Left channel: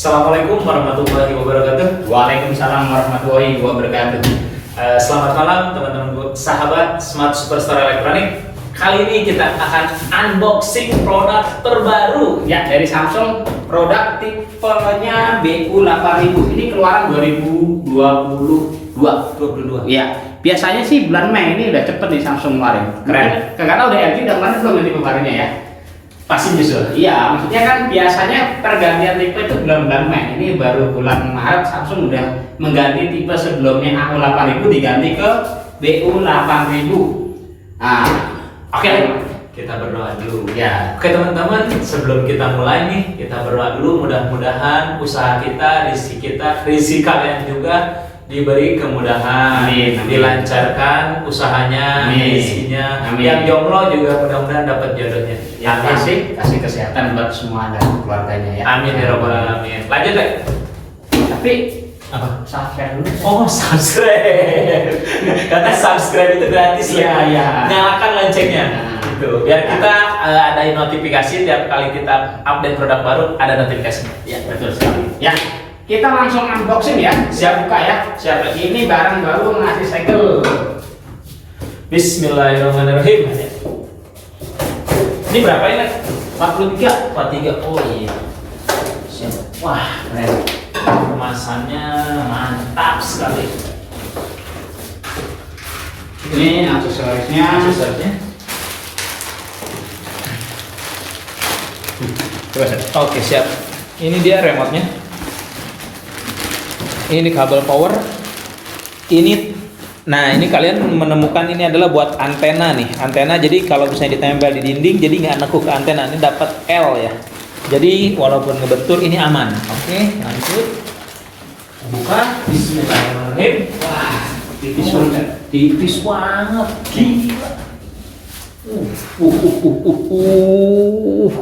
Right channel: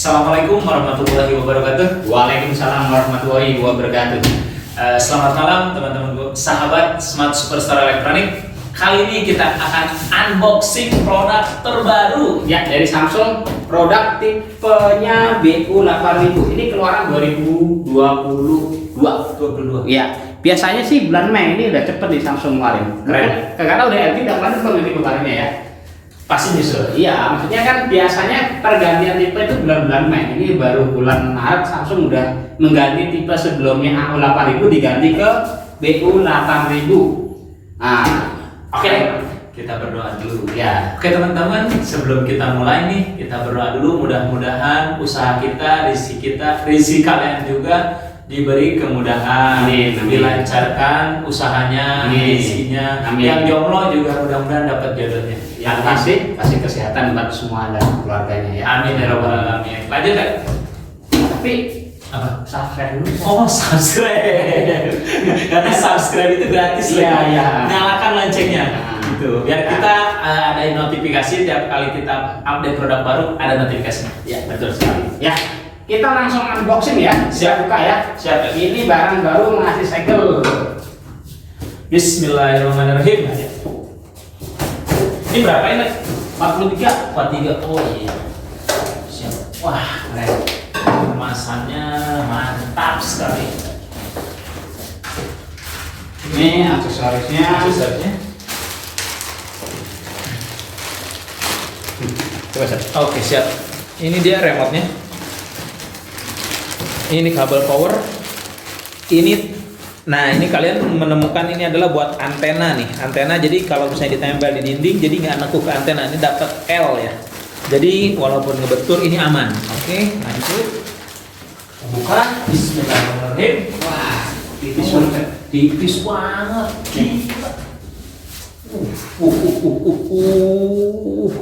Assalamualaikum warahmatullahi wabarakatuh. Waalaikumsalam warahmatullahi wabarakatuh. Selamat malam teman-teman sahabat Smart Superstar Elektronik. Kali ini kita akan unboxing produk terbaru Ya, dari Samsung, produk tipenya BU8000. Ini keluaran 2022. Ya, biasanya sih bulan Mei ini udah cepet di Samsung kemarin. Keren. Kagak tahu deh, LG udah kemarin belum ini kemarinnya ya. pasti nyusul. Iya, maksudnya kan biasanya pergantian tipe itu bulan-bulan Mei. Ini baru bulan Maret Samsung udah mengganti tipe sebelumnya AO8000 diganti ke BU8000. Nah, Oke, kita berdoa dulu. ya. Oke teman-teman, sebelum kita mulai nih, kita berdoa dulu. Mudah-mudahan usaha kita, rezeki kalian juga diberi kemudahan, Amin, amin. dilancarkan usahanya, Amin. rezekinya. Amin. Yang jomblo juga mudah-mudahan dapat jodohnya. Yang kasih kesehatan buat semua dan keluarganya ya. Amin ya rabbal alamin. Lanjut deh. Tapi Apa? subscribe dulu. Oh, subscribe. Karena subscribe itu gratis. Iya, ya. iya. Nyalakan loncengnya. Gitu. Biar kita ada notifikasi tiap kali kita update produk baru ada notifikasinya. Ya, betul sekali. Ya, kita langsung unboxing ya. Siap buka ya. Siap. Ini barang baru masih segel. Bismillahirrahmanirrahim. Ini berapa ini? 43. 43. Oh iya. Siap. Wah, Keren. kemasannya mantap sekali. Ini aksesorisnya. Aksesorisnya. Coba Seth. Oke, siap. Ini dia remote-nya. Ini kabel power. Ini kalian menemukan ini adalah buat antena nih. Antena jadi kalau misalnya ditempel di dinding jadi nggak nekuk ke antena. Ini dapat L ya. Jadi walaupun ngebetul ini aman. Oke, lanjut. Buka. Bismillahirrahmanirrahim. Wah, tipis banget. Tipis banget. Gila.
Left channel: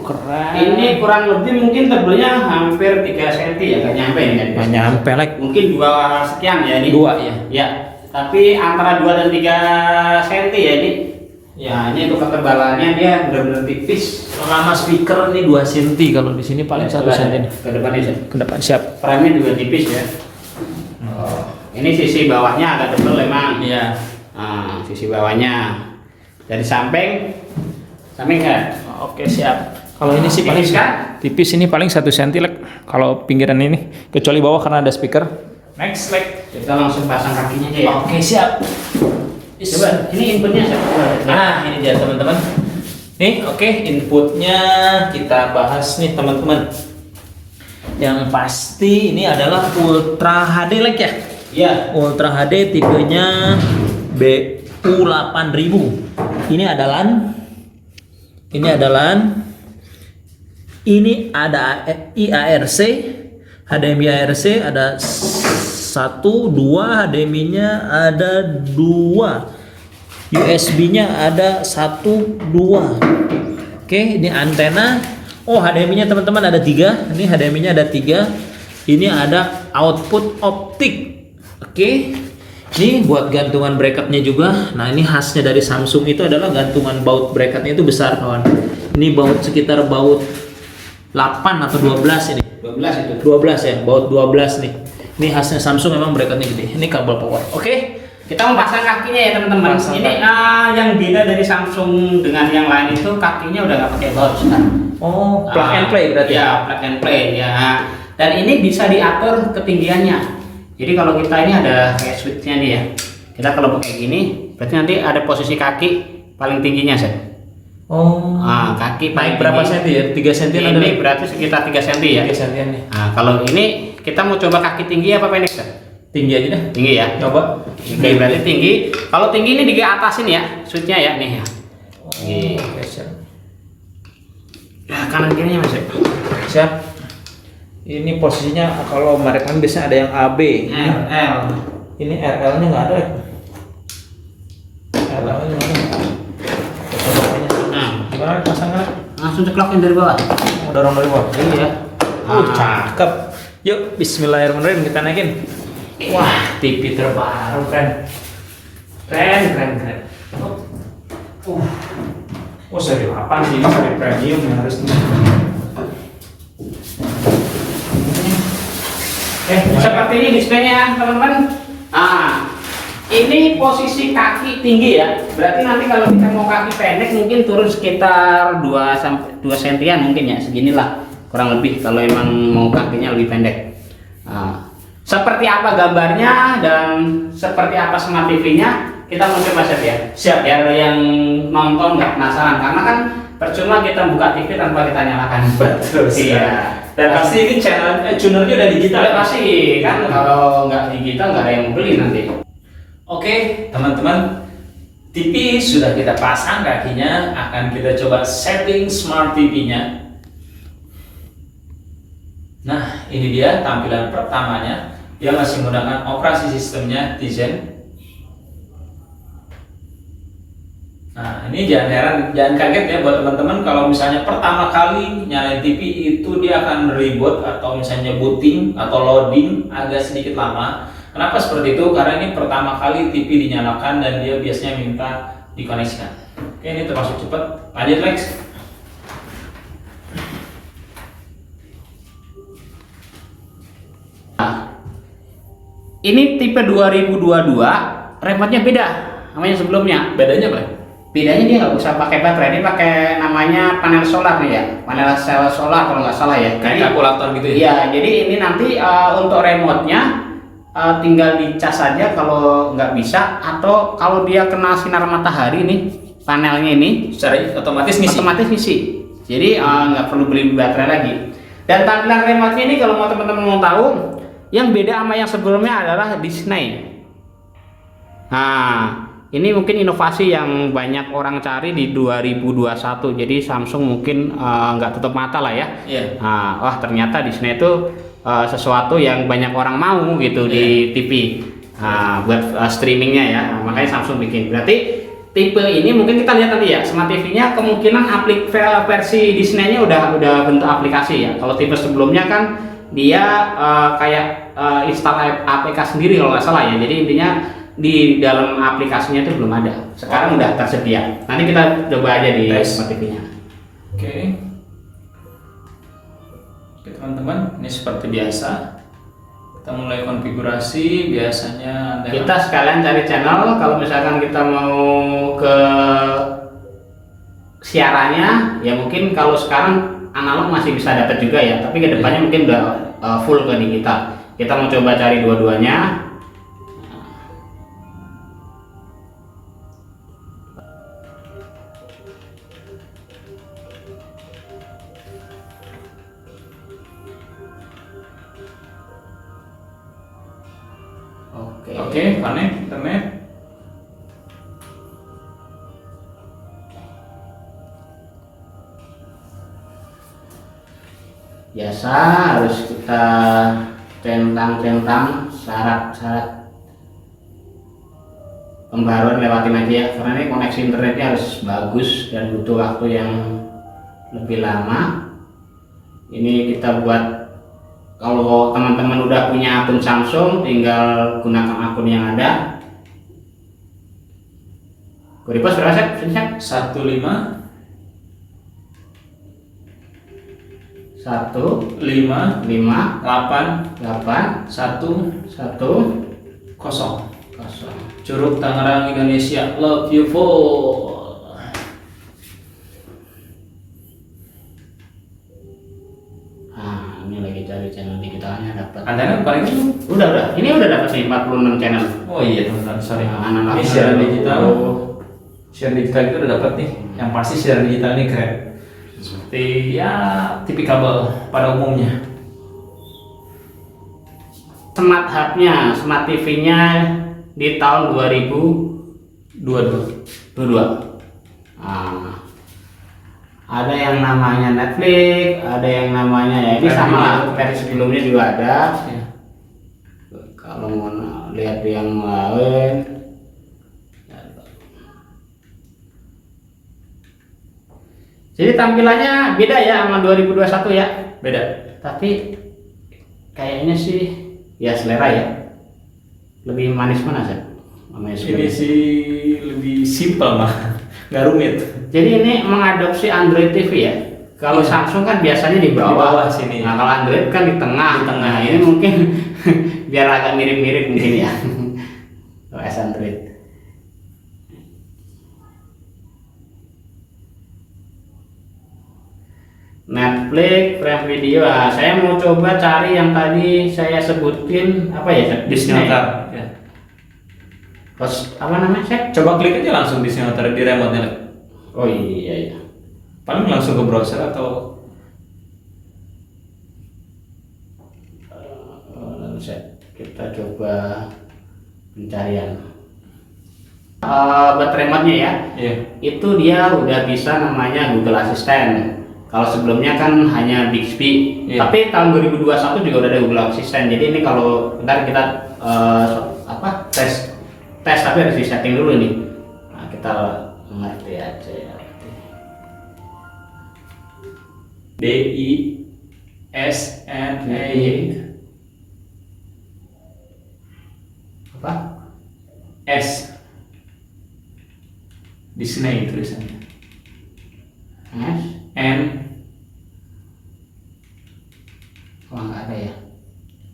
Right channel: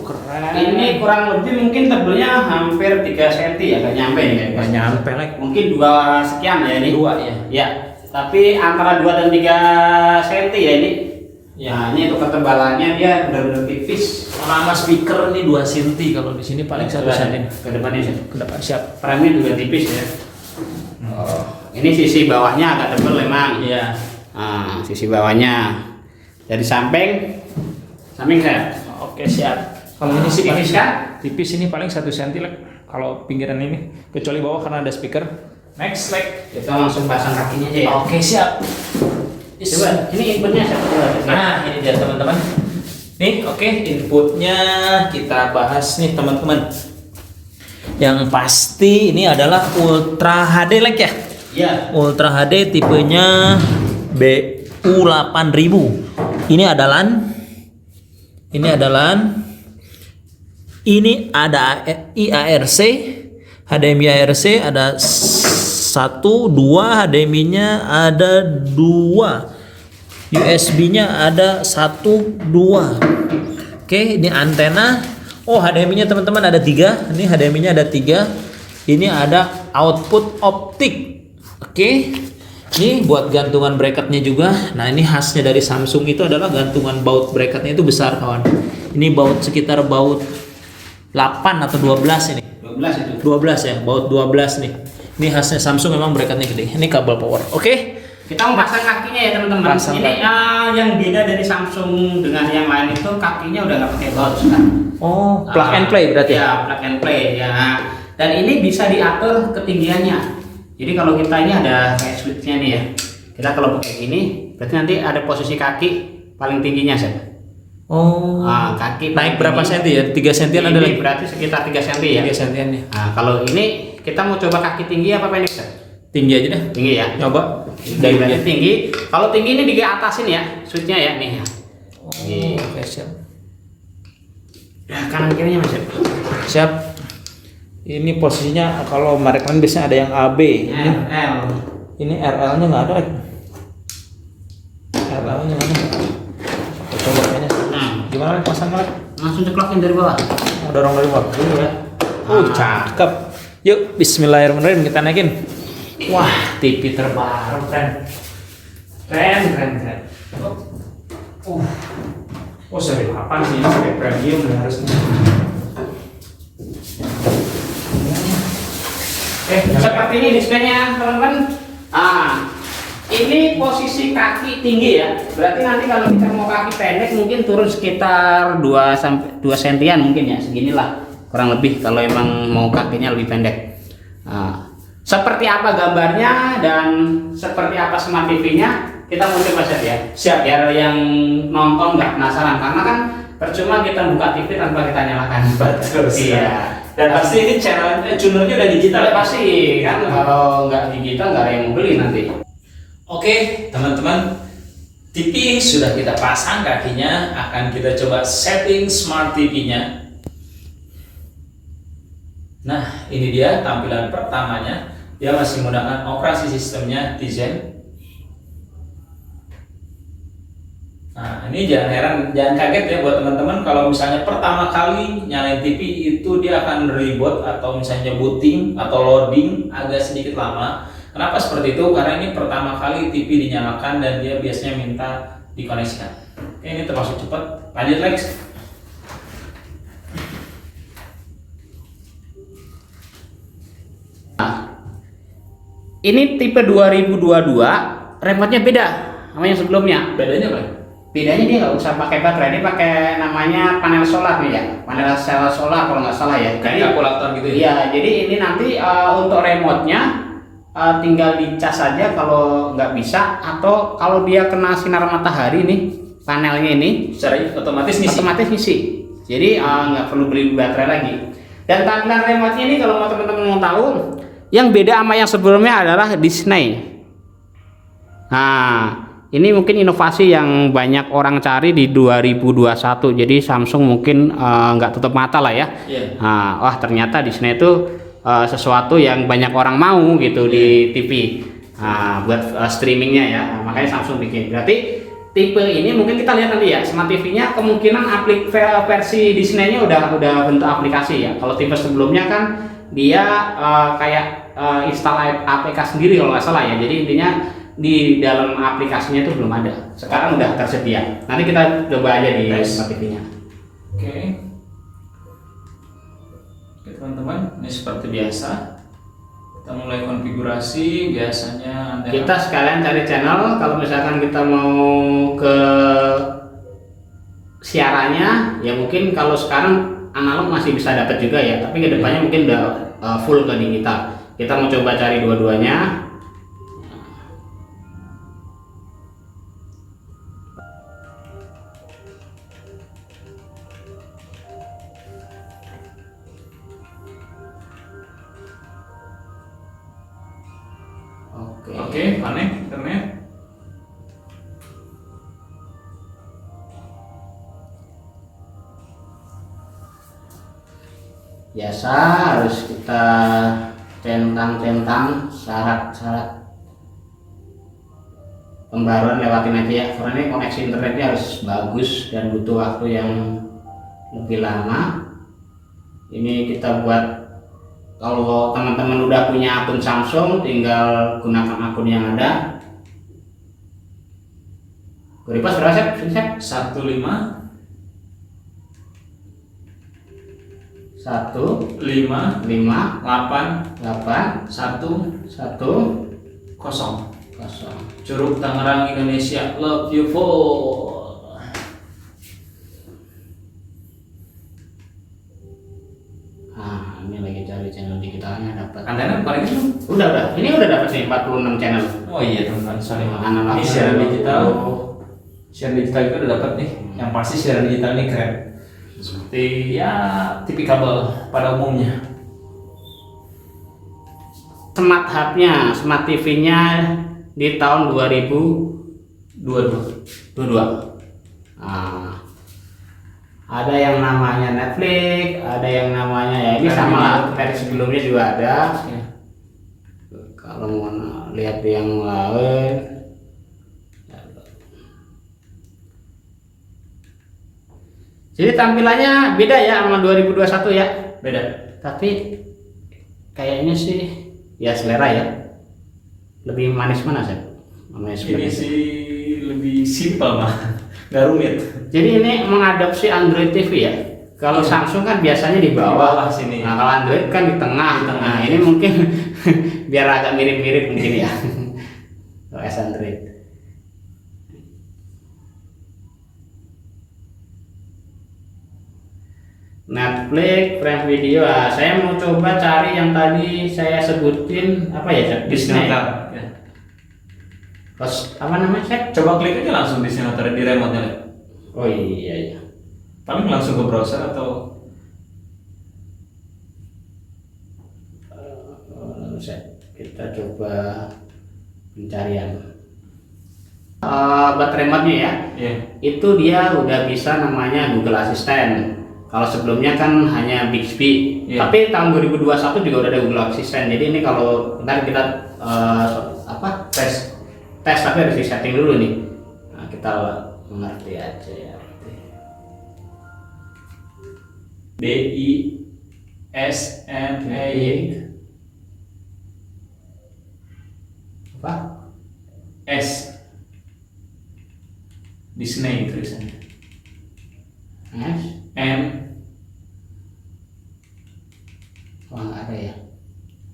Keren. Ini kurang lebih mungkin tebelnya hampir 3 cm ya, nggak nyampe ini. Nggak nyampe, like. Mungkin 2 sekian ya ini. 2 ya. Ya, tapi antara 2 dan 3 cm ya ini. Ya. Nah, ini untuk ketebalannya dia benar-benar tipis. Lama speaker ini 2 cm, kalau di sini paling 1 cm. Ke depannya Seth. Ke depan siap. Frame-nya juga tipis ya. Oh, ini sisi bawahnya agak tebal memang. Iya. Nah, sisi bawahnya. Dari samping kan? Oke, siap. Kalau ini sih paling Tipis kan? tipis, ini paling 1 cm like. Kalau pinggiran ini, kecuali bawah karena ada speaker. Next like. Kita langsung pasang kakinya aja ya. Oke, siap. Coba, ini inputnya siapa? Nah, ini dia teman-teman. Nih, oke, inputnya kita bahas nih teman-teman. Yang pasti ini adalah Ultra HD like ya. Iya. Ultra HD tipenya BU8000. Ini adalah IARC, HDMI ARC ada 1, 2, HDMI-nya ada 2, USB-nya ada 1, 2. Oke, ini antena. Oh, HDMI-nya teman-teman ada 3. Ini HDMI-nya ada 3. Ini ada output optik. Oke. Ini buat gantungan bracketnya juga. Nah, ini khasnya dari Samsung itu adalah gantungan baut bracketnya itu besar kawan. Ini baut sekitar baut 8 atau 12 ini. 12 itu. 12 ya, baut 12 nih. Ini khasnya Samsung, memang bracketnya gede. Ini kabel power. Oke. Kita mau pasang kakinya ya teman-teman. Pasang Ini yang beda dari Samsung dengan yang lain itu kakinya udah nggak pakai baut sekarang. Oh, plug and play berarti ya? Plug and play ya. Dan ini bisa diatur ketinggiannya. Jadi kalau kita ini ada kayak switch-nya nih ya. Kita kalau pakai gini, berarti nanti ada posisi kaki paling tingginya Seth. Oh. Kaki Naik paling berapa tinggi. senti ya? 3 sentian ada. Ini berarti sekitar 3 cm ya. 3 sentian nih. Nah, kalau ini kita mau coba kaki tinggi apa pendek Seth? Tinggi aja deh. Tinggi ya. Coba. Tinggi berarti tinggi. Kalau tinggi ini di atasin ya, switch-nya ya nih ya. Oke, siap. Ya, kanan kirinya Mas. Siap. Ini posisinya kalau merek kan biasanya ada yang AB. RL. Ini RL-nya nggak ada. RL-nya. Nah, Gimana pasangnya? langsung ceklokin dari bawah. Oh, dorong dari bawah. Iya. Cakep. Yuk, Bismillahirrahmanirrahim, kita naikin. Wah, TV terbaru kan. Keren. Oh, seri 8 sih, ini seri premium ya harusnya. Seperti ini displaynya teman-teman. Ah, ini posisi kaki tinggi ya. Berarti nanti kalau kita mau kaki pendek mungkin turun sekitar 2 sampai 2 sentian mungkin ya, seginilah kurang lebih kalau emang mau kakinya lebih pendek. Nah, seperti apa gambarnya dan seperti apa smart TV-nya kita mau coba set ya. Siap, biar yang nonton nggak penasaran, karena kan percuma kita buka TV tanpa kita nyalakan. Betul. Iya. Dan pasti ini channelnya tunernya udah digital. Udah pasti kan, kalau nggak digital nggak ada yang mau beli nanti. Oke, teman-teman, TV sudah kita pasang kakinya, akan kita coba setting smart TV-nya. Nah, ini dia tampilan pertamanya. Dia masih menggunakan operasi sistemnya Tizen. Nah, ini jangan heran, jangan kaget ya buat teman-teman kalau misalnya pertama kali nyalain TV itu dia akan reboot atau misalnya booting atau loading agak sedikit lama. Kenapa seperti itu? Karena ini pertama kali TV dinyalakan dan dia biasanya minta dikoneksikan. Oke, ini termasuk cepat. Lanjut Lex. Ini tipe 2022, remote-nya beda sama yang sebelumnya. Bedanya apa? Bedanya dia nggak usah pakai baterai, dia pakai namanya panel solar nih ya, panel sel solar kalau nggak salah ya. Kayak kalkulator gitu ya? Iya, jadi ini nanti untuk remote-nya tinggal dicas saja kalau nggak bisa, atau kalau dia kena sinar matahari nih panelnya ini Secara otomatis ngisi? Otomatis ngisi. Jadi nggak perlu beli baterai lagi. Dan tampilan remote-nya ini kalau mau teman-teman mau tahu, yang beda sama yang sebelumnya adalah Disney. Nah, ini mungkin inovasi yang banyak orang cari di 2021. Jadi Samsung mungkin nggak tutup mata lah ya. Iya. Nah, wah ternyata Disney itu sesuatu yang banyak orang mau gitu di TV. Nah, buat streamingnya ya. Nah, makanya Samsung bikin. Berarti tipe ini mungkin kita lihat nanti ya, smart TV-nya kemungkinan versi Disney-nya udah bentuk aplikasi ya. Kalau tipe sebelumnya kan dia kayak install APK sendiri kalau nggak salah ya. Jadi intinya di dalam aplikasinya itu belum ada. Sekarang udah tersedia. Nanti kita coba aja di smart TV-nya. Oke. Oke teman-teman, ini seperti biasa. Kita mulai konfigurasi. Biasanya ada Kita sekalian cari channel. Kalau misalkan kita mau ke siarannya, ya mungkin kalau sekarang analog masih bisa dapat juga ya. Tapi kedepannya mungkin udah full ke digital. Kita mau coba cari dua-duanya. Oke, panen, internet. Biasa harus kita centang-centang syarat-syarat pembaruan, lewatin aja ya, karena ini koneksi internetnya harus bagus dan butuh waktu yang lebih lama. Ini kita buat, kalau teman-teman udah punya akun Samsung tinggal gunakan akun yang ada. Repost berapa set? 15 1 5 5 8 8 1 1 0. 0. Curug Tangerang Indonesia, love you full. Nah, ini lagi cari channel digitalnya dapat. Antena paling itu? Udah. Ini udah dapat nih 46 channel. Oh iya teman-teman, sorry. Anak-anak Ini siaran digital. Siaran digital itu udah dapat nih. Yang pasti siaran digital ini keren. Seperti ya TV kabel pada umumnya. Smart hub-nya, smart TV-nya di tahun 2022. Nah, ada yang namanya Netflix, ada yang namanya ya ini sama lah, versi sebelumnya juga ada. Ya. Kalau mau lihat yang lain, jadi tampilannya beda ya sama 2021 ya. Beda. Tapi kayaknya sih ya selera ya. Lebih manis mana sih? Ini sih lebih simpel mah, nggak rumit. Jadi ini mengadopsi Android TV ya. Kalau Iya. Samsung kan biasanya di Di bawah. bawah sini. Nah, kalau Android kan di tengah. Di tengah, Nah, ya. ini mungkin biar agak mirip-mirip mungkin ya. OS Android. Netflix, Prime Video. Ah, saya mau coba cari yang tadi saya sebutin apa ya? Chef? Disney Disney. Hotel. Ya. Terus apa namanya? Chef? Coba klik aja langsung Disney Hotel di remote-nya. Le. Oh iya iya. Paling langsung ke browser atau Kita coba pencarian. Buat remote-nya ya. Iya. Itu dia udah bisa namanya Google Assistant. Kalau sebelumnya kan hanya Bixby, Iya. tapi tahun 2021 juga udah ada Google Assistant. Jadi ini kalau bentar kita tes tapi harus di setting dulu nih. Nah, kita mengerti aja ya. DISNA Apa? S Disney tulisannya. S? N Wah nggak ada ya.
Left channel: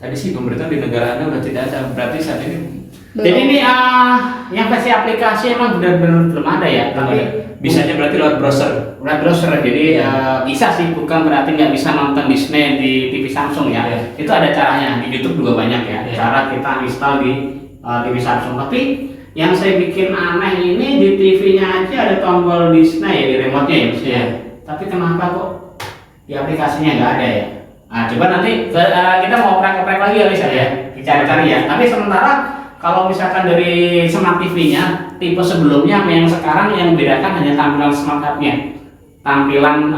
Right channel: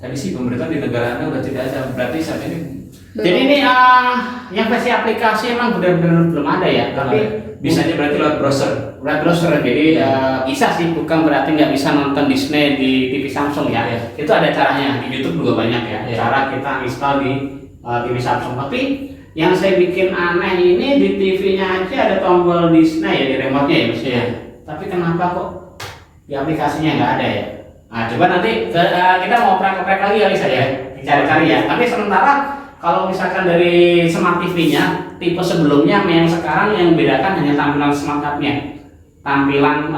tadi sih pemerintah di negara Anda udah tidak ada, berarti saat ini Jadi ini yang versi aplikasi emang benar-benar belum ada ya, tapi bisanya berarti lewat browser. web browser. Jadi bisa sih, bukan berarti nggak bisa nonton Disney di TV Samsung ya. Iya. Itu ada caranya, di YouTube juga banyak ya. Iya. Cara kita install di TV Samsung. Tapi yang saya bikin aneh ini di TV-nya aja ada tombol Disney ya di remote-nya ya maksudnya. Iya. Tapi kenapa kok di aplikasinya nggak ada ya? Nah, coba nanti kita mau oprek-oprek lagi ya bisa ya, dicari-cari ya. Tapi sementara kalau misalkan dari smart TV-nya tipe sebelumnya yang sekarang yang membedakan hanya tampilan smart hub-nya. Tampilan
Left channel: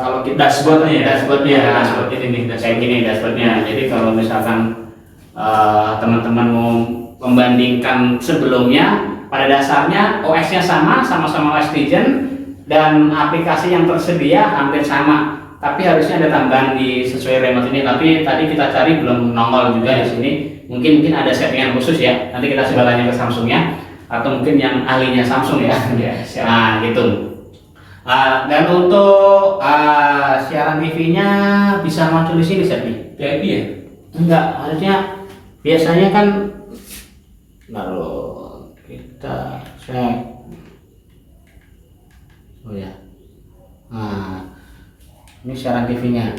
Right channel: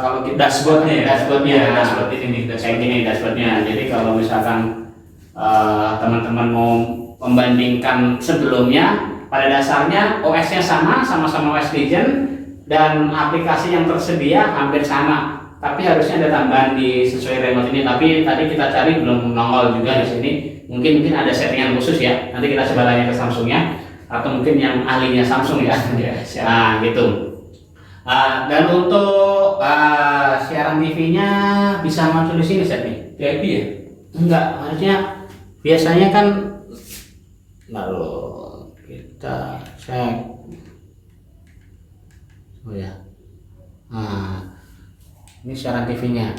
kalau kita Dashboard-nya ya? dashboard-nya, Iya, dashboard ini nih, kayak gini dashboard-nya. Jadi kalau misalkan teman-teman mau membandingkan sebelumnya, pada dasarnya OS-nya sama-sama OS Legion dan aplikasi yang tersedia hampir sama. Tapi harusnya ada tambahan di sesuai remote ini. Tapi tadi kita cari belum nongol juga di sini. Mungkin ada settingan khusus ya. Nanti kita coba tanya ke Samsungnya atau mungkin yang ahlinya Samsung ya. Iya, siap. Nah gitu. Dan untuk siaran TV-nya bisa muncul di sini, Chef nih? VIP ya? Enggak, harusnya biasanya kan lalu kita cek. Oh ya. Nah, ini siaran TV-nya,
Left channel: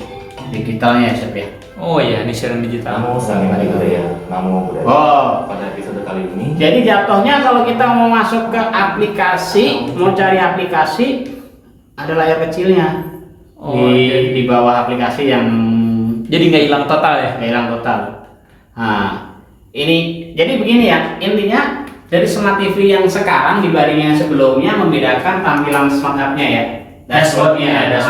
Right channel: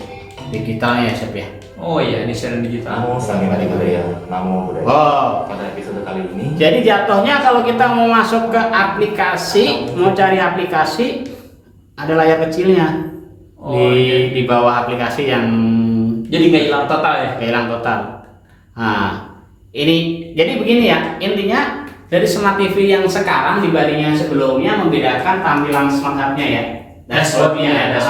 digitalnya ya, Chef ya. Oh iya, ini siaran digital. Namo Sanghyang Budaya, Namo Budaya. Oh, Pada episode kali ini, jadi jatuhnya kalau kita mau masuk ke aplikasi, mau cari aplikasi, ada layar kecilnya Oh, di bawah aplikasi yang Jadi nggak hilang total ya? hilang total. Nah, ini jadi begini ya, intinya dari smart TV yang sekarang dibanding yang sebelumnya membedakan tampilan smart hub-nya ya, dashboard-nya.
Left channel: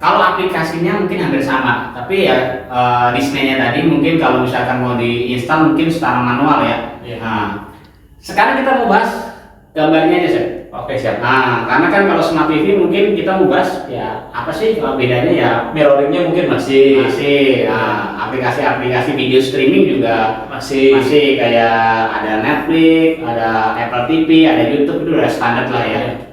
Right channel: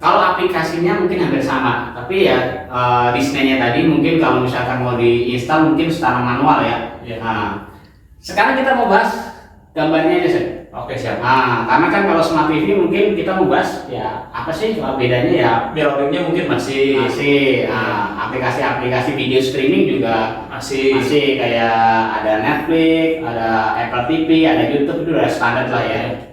Kalau aplikasinya mungkin hampir sama, tapi ya Disney-nya tadi mungkin kalau misalkan mau diinstal mungkin secara manual ya. Iya. Nah, sekarang kita mau bahas gambarnya aja, Chef. Oke, siap. Nah, karena kan kalau smart TV mungkin kita mau bahas ya apa sih bedanya ya, Mirroringnya mungkin masih aplikasi-aplikasi video streaming juga masih kayak ada Netflix, ada Apple TV, ada YouTube, itu udah standar lah ya.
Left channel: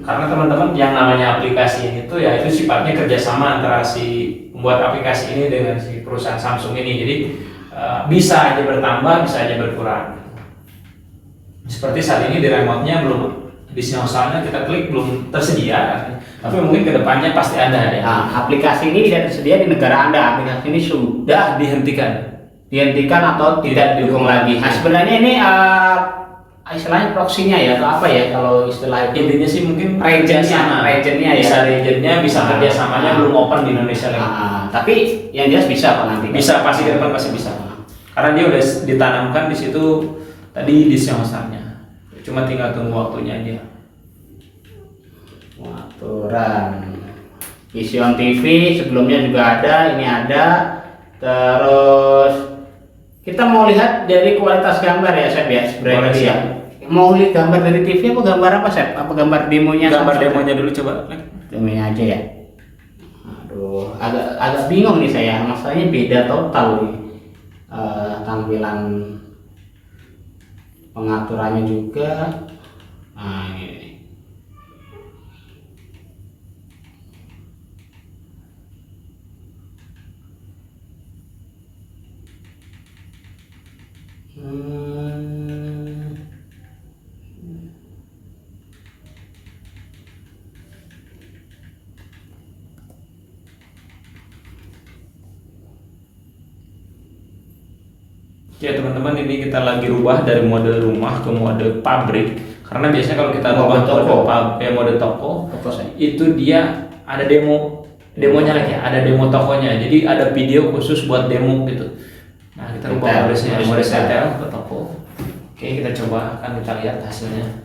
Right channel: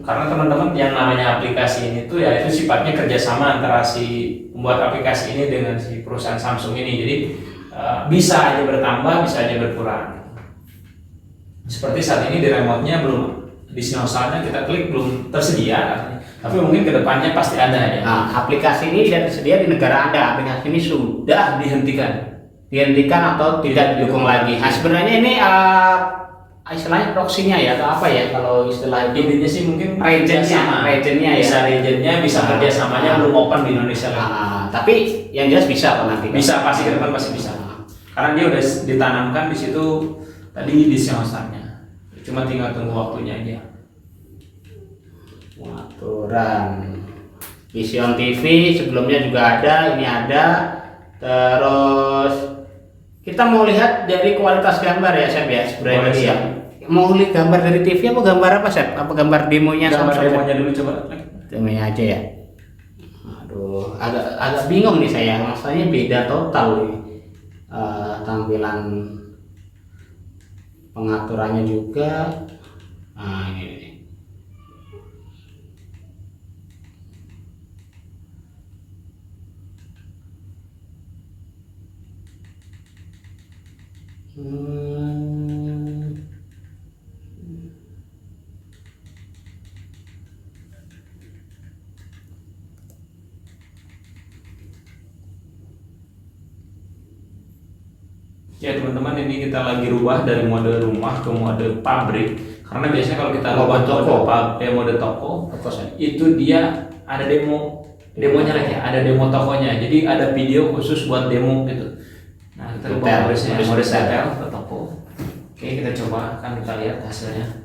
karena teman-teman yang namanya aplikasi ini tuh ya itu sifatnya kerjasama antara si pembuat aplikasi ini dengan si perusahaan Samsung ini. Jadi bisa aja bertambah, bisa aja berkurang. Seperti saat ini di remote-nya belum di sinyalnya kita klik belum tersedia, tapi mungkin kedepannya pasti ada ya. Nah, aplikasi ini tidak tersedia di negara Anda. Aplikasi ini sudah dihentikan atau tidak didukung lagi. Nah, sebenarnya ini istilahnya proxy-nya ya atau apa ya kalau istilah itu? Intinya sih mungkin regionnya ya. bisa regionnya, bisa kerjasamanya belum open di Indonesia lagi. Tapi yang jelas bisa kok nanti. Bisa, pasti ke depan pasti bisa. Karena dia udah ditanamkan di situ tadi di sinyalnya. Cuma tinggal tunggu waktunya aja. Aturan Vision TV sebelumnya juga ada, ini ada. Terus kita mau lihat dari kualitas gambar ya, Chef ya, sebenarnya tadi ya. Mau lihat gambar dari TV apa gambar apa, Chef? Apa gambar demonya? Gambar Samsung, demonya dulu coba. Demonya aja ya. Aduh, agak bingung nih saya. Masalahnya beda total nih. Tampilan pengaturannya juga. Nah, ini. Ya teman-teman, ini kita lagi rubah dari mode rumah ke mode pabrik. Karena biasanya kalau kita rubah mode toko, itu dia ada demonya lagi, ada demo tokonya. Jadi ada video khusus buat demo gitu. Nah kita rubah mode retail ke toko. Oke, kita coba, akan kita lihat hasilnya.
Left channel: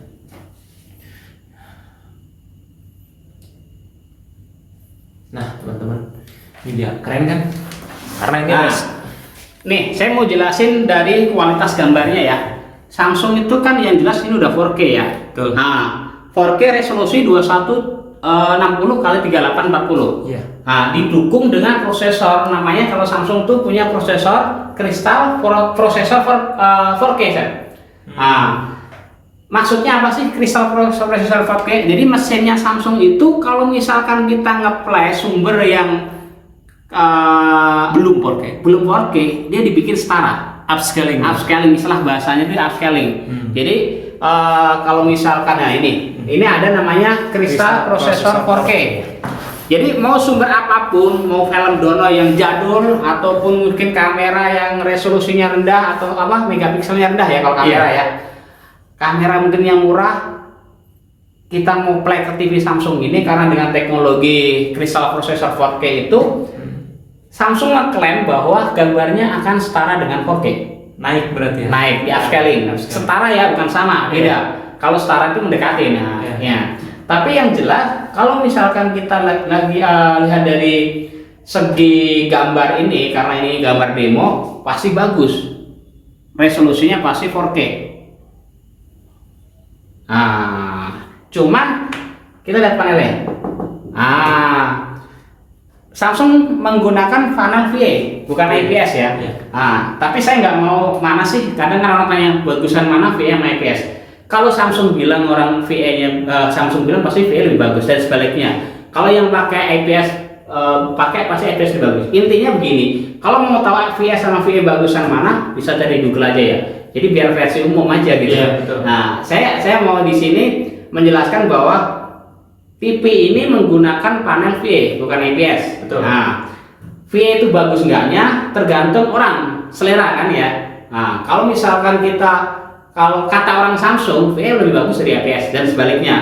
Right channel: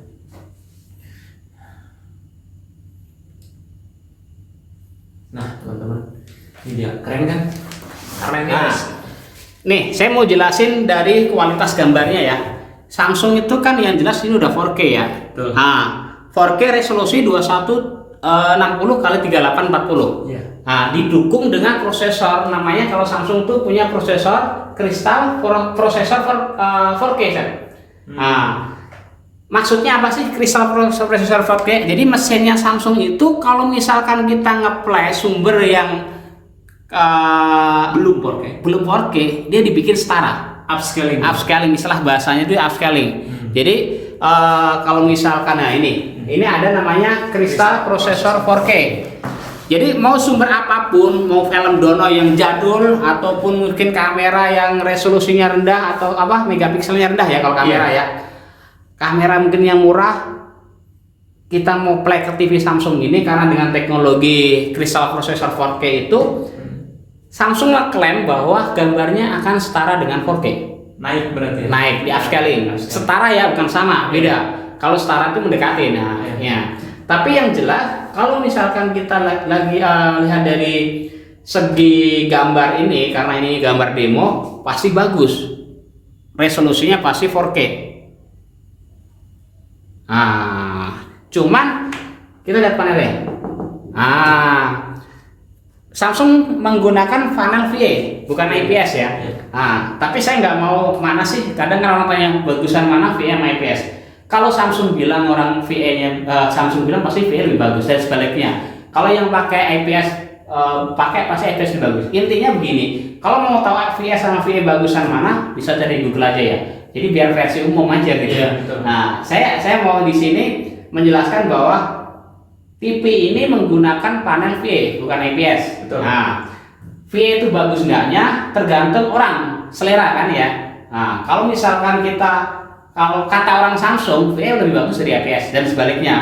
Nah teman-teman, ini dia, keren kan? Karena ini nih saya mau jelasin dari kualitas gambarnya ya. Samsung itu kan yang jelas ini udah 4K ya. Betul. Nah 4K resolusi 2160 kali 3840. Iya. Nah didukung dengan prosesor, namanya kalau Samsung tuh punya prosesor Crystal prosesor 4K kan. Nah maksudnya apa sih Crystal prosesor 4K? Jadi mesinnya Samsung itu kalau misalkan kita nge-play sumber yang belum 4K, dia dibikin setara, upscaling, istilah bahasanya itu upscaling. Jadi kalau misalkan ya ini ada namanya Crystal prosesor 4K. Jadi mau sumber apapun, mau film dono yang jadul ataupun mungkin kamera yang resolusinya rendah atau apa megapikselnya rendah ya kalau kamera ya. Kamera mungkin yang murah, kita mau play ke TV Samsung ini karena dengan teknologi Crystal prosesor 4K itu Samsung ngeklaim bahwa gambarnya akan setara dengan 4K. Naik berarti ya? Naik di upscaling. Setara ya, bukan sama, beda. Kalau setara itu mendekati. Nah, ya. Tapi yang jelas kalau misalkan kita lagi lihat dari segi gambar ini, karena ini gambar demo, pasti bagus. Resolusinya pasti 4K. Nah, cuman kita lihat panelnya. Samsung menggunakan panel VA, bukan IPS ya. Tapi saya nggak mau mana sih. Kadang orang tanya bagusan mana VA sama IPS. Kalau Samsung bilang orang VA-nya, Samsung bilang pasti VA lebih bagus dan sebaliknya. Kalau yang pakai IPS, pasti IPS lebih bagus. Intinya begini, kalau mau tahu VA sama VA bagusan mana, bisa cari Google aja ya. Jadi biar versi umum aja gitu. Nah, saya mau di sini menjelaskan bahwa TV ini menggunakan panel VA, bukan IPS. Betul. Nah, VA itu bagus enggaknya tergantung orang, selera kan ya. Nah, kalau misalkan kalau kata orang Samsung, VA lebih bagus dari IPS dan sebaliknya.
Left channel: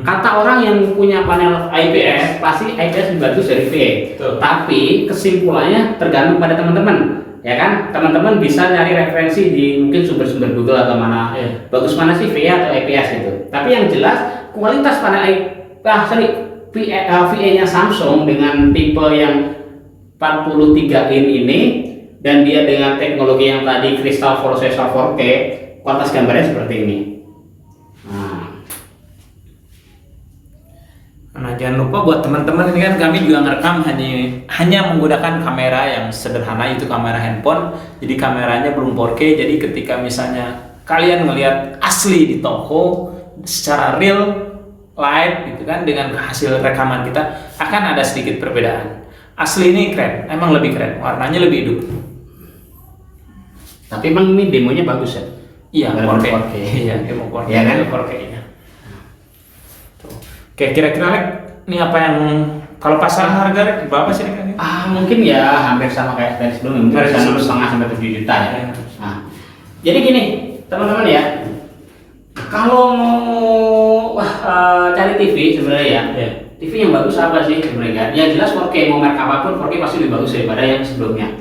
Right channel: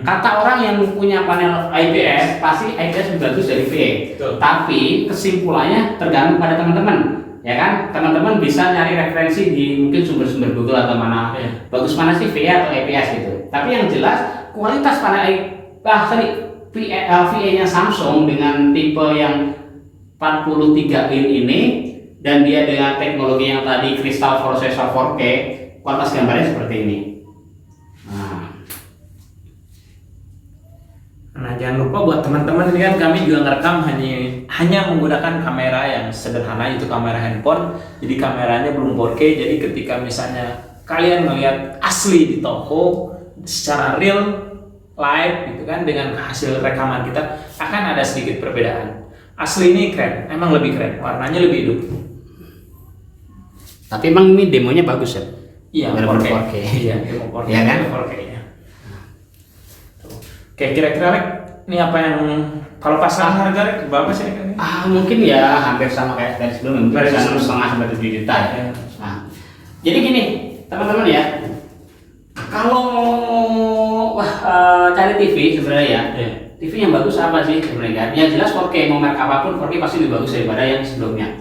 Kata orang yang punya panel IPS, pasti IPS lebih bagus dari VA. Betul. Tapi kesimpulannya tergantung pada teman-teman, ya kan? Teman-teman bisa nyari referensi di mungkin sumber-sumber Google atau mana. Bagus mana sih VA atau IPS itu. Tapi yang jelas kualitas panel VA-nya Samsung dengan tipe yang 43 in ini dan dia dengan teknologi yang tadi Crystal Processor 4K, kualitas gambarnya seperti ini. Nah jangan lupa buat teman-teman, ini kan kami juga ngerekam hanya menggunakan kamera yang sederhana, itu kamera handphone. Jadi kameranya belum 4K, jadi ketika misalnya kalian melihat asli di toko secara real live gitu kan, dengan hasil rekaman kita akan ada sedikit perbedaan. Asli ini keren, emang lebih keren, warnanya lebih hidup. Tapi emang ini demonya bagus ya? Iya, 4K. Iya, demo 4K. Iya kan? 4K-nya. Oke, kira-kira Lek, ini apa yang kalau pasang harga berapa sih kira-kira? Mungkin ya hampir sama kayak tadi sebelumnya, mungkin 1,5 sampai 7 juta ya. Nah, jadi gini, teman-teman ya. Kalau mau cari TV sebenarnya ya, TV yang bagus apa sih sebenarnya? Ya jelas 4K, mau merek apapun 4K pasti lebih bagus daripada yang sebelumnya.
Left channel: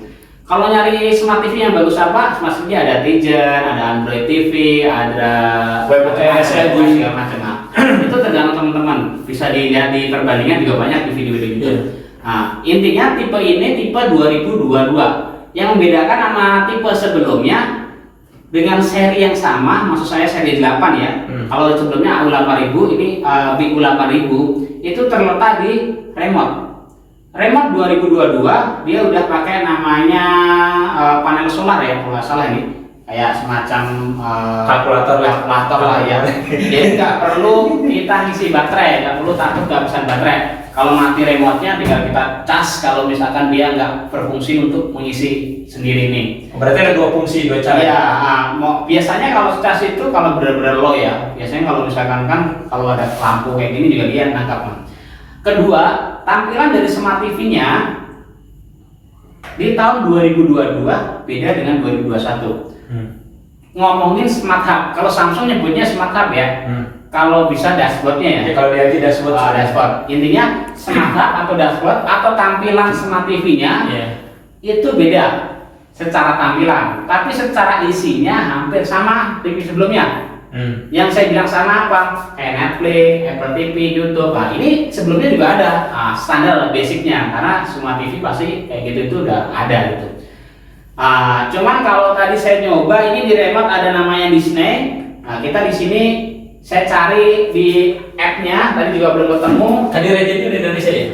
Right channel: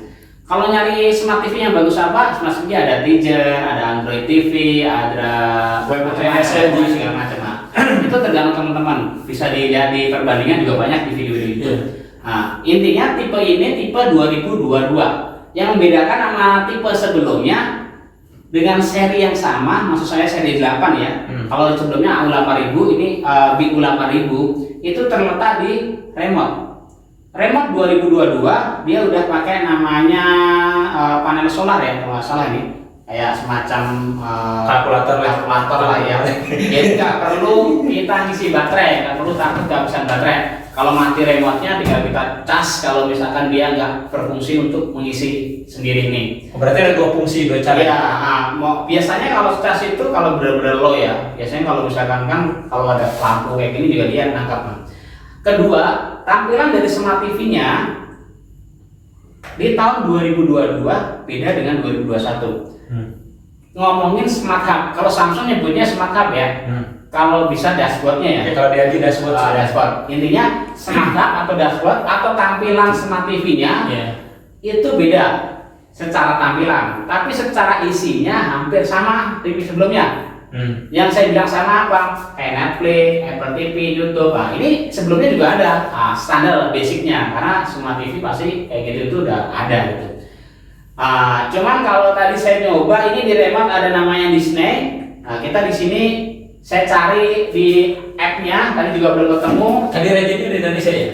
Kalau nyari smart TV yang bagus apa? Smart TV ada Tizen, ada Android TV, ada WebOS, segala macam. Itu tergantung teman-teman. Bisa dilihat di perbandingan juga banyak di video-video itu. Nah, intinya tipe ini tipe 2022. Yang membedakan sama tipe sebelumnya dengan seri yang sama, maksud saya seri 8 ya. Kalau sebelumnya AU8000, ini BU8000 itu terletak di remote. Remote 2022 dia udah pakai namanya panel solar ya, kalau nggak salah ini. Kayak semacam kalkulator lah ya. Jadi nggak perlu kita ngisi baterai, nggak perlu takut kehabisan baterai. Kalau mati remote-nya tinggal kita cas kalau misalkan dia nggak berfungsi untuk mengisi sendiri nih. Berarti ada dua fungsi, dua cara. Iya, biasanya kalau cas itu kalau benar-benar low ya. Biasanya kalau misalkan kan kalau ada lampu kayak gini juga dia nangkap. Kedua, tampilan dari smart TV-nya di tahun 2022 beda dengan 2021. Ngomongin smart hub, kalau Samsung nyebutnya smart hub ya. Kalau bisa dashboardnya ya. Ya, kalau dia tidak dashboard. Dashboard. Intinya smart hub atau dashboard atau tampilan smart TV-nya itu beda secara tampilan, tapi secara isinya hampir sama TV sebelumnya. Yang saya bilang sama apa? Kayak Netflix, Apple TV, YouTube. Nah, ini sebelumnya juga ada standar basicnya, karena semua TV pasti kayak gitu itu udah ada gitu. Cuman kalau tadi saya nyoba ini di remote ada namanya Disney. Nah, kita di sini saya cari di app-nya, tadi juga belum ketemu. Tadi regionnya di Indonesia ya?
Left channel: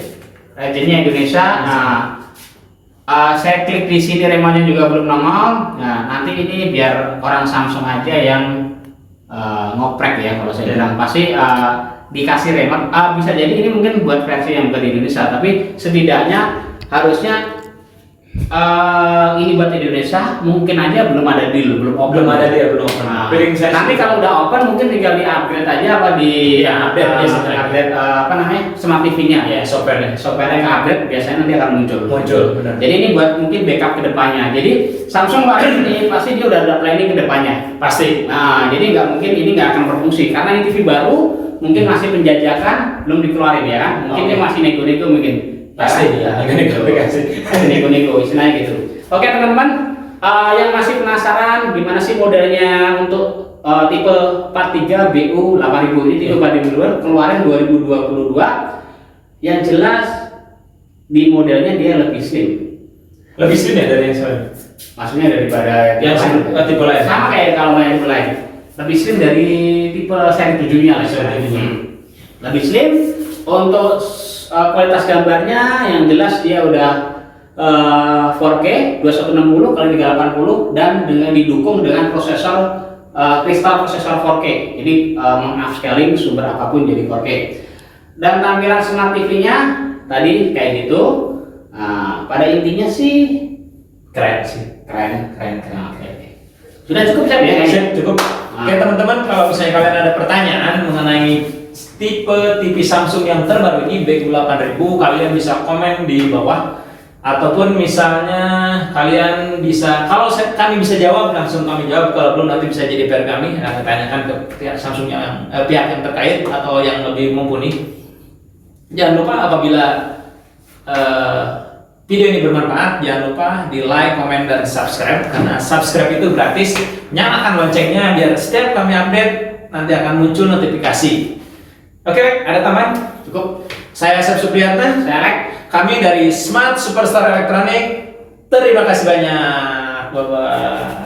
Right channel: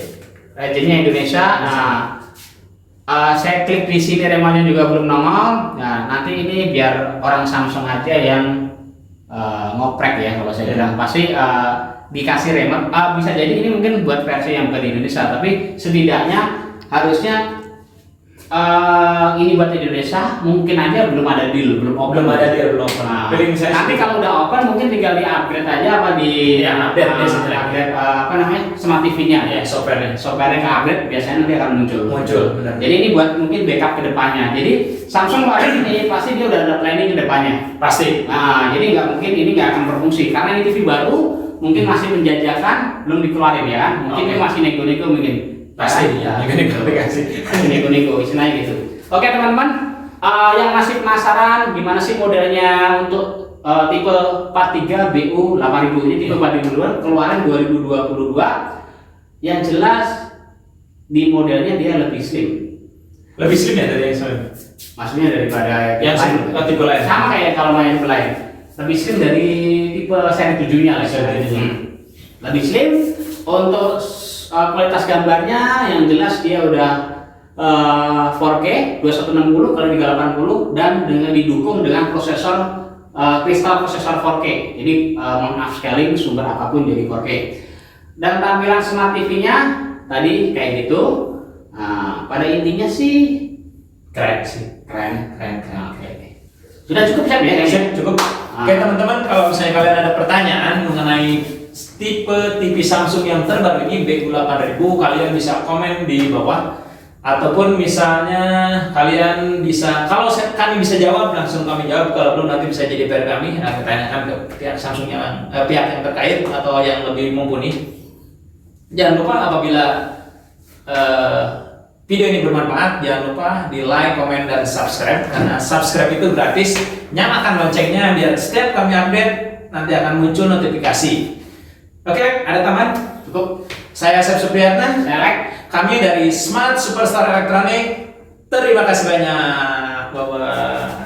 Regionnya Indonesia. Saya klik di sini remote-nya juga belum nongol. Nah, nanti ini biar orang Samsung aja yang ngoprek ya kalau saya bilang. Pasti dikasih remote. Bisa jadi ini mungkin buat versi yang bukan di Indonesia, tapi setidaknya harusnya ini buat Indonesia mungkin aja belum ada deal, belum open. Belum ada dia, belum open. Nanti kalau udah open mungkin tinggal di upgrade aja apa di upgrade apa namanya smart TV-nya ya, software-nya ke upgrade biasanya nanti akan muncul. Benar. Jadi ini buat mungkin backup ke depannya. Jadi Samsung ini pasti dia udah ada planning ke depannya. Pasti. Nah, jadi nggak mungkin ini nggak akan berfungsi karena ini TV baru mungkin masih menjajakan, belum dikeluarin ya. Mungkin ini masih nego-nego mungkin. Pasti ya, nego-nego istilahnya gitu. Oke teman-teman, yang masih penasaran gimana sih modelnya untuk tipe 43 BU 8000 ini tipe 4000 keluaran 2022. Yang jelas di modelnya dia lebih slim. Lebih slim ya dari yang sebelumnya? Maksudnya daripada yang tipe lain. Sama kayak kalau yang tipe lain. Lebih slim dari tipe seri 7-nya lah. Lebih slim untuk kualitas gambarnya yang jelas dia udah 4K 2160 kali 380 dan dengan didukung dengan prosesor kristal prosesor 4K. Jadi meng-upscaling sumber apapun jadi 4K. Dan tampilan smart TV-nya tadi kayak gitu. Pada intinya sih keren. Oke. Sudah cukup ya kayaknya? Cukup. Oke teman-teman, kalau misalnya kalian ada pertanyaan mengenai tipe TV Samsung yang terbaru ini BU 8000, kalian bisa komen di bawah, ataupun misalnya kalian bisa, kalau kami bisa jawab langsung kami jawab, kalau belum nanti bisa jadi PR kami, tanyakan ke pihak Samsung yang pihak yang terkait atau yang lebih mumpuni. Jangan lupa apabila video ini bermanfaat, jangan lupa di like, komen, dan subscribe, karena subscribe itu gratis. Nyalakan loncengnya biar setiap kami update nanti akan muncul notifikasi. Oke, ada tambahan? Cukup. Saya Asep Supriyatna, Saya Rek. kami dari Smart Superstar Electronic. Terima kasih banyak. Bye-bye.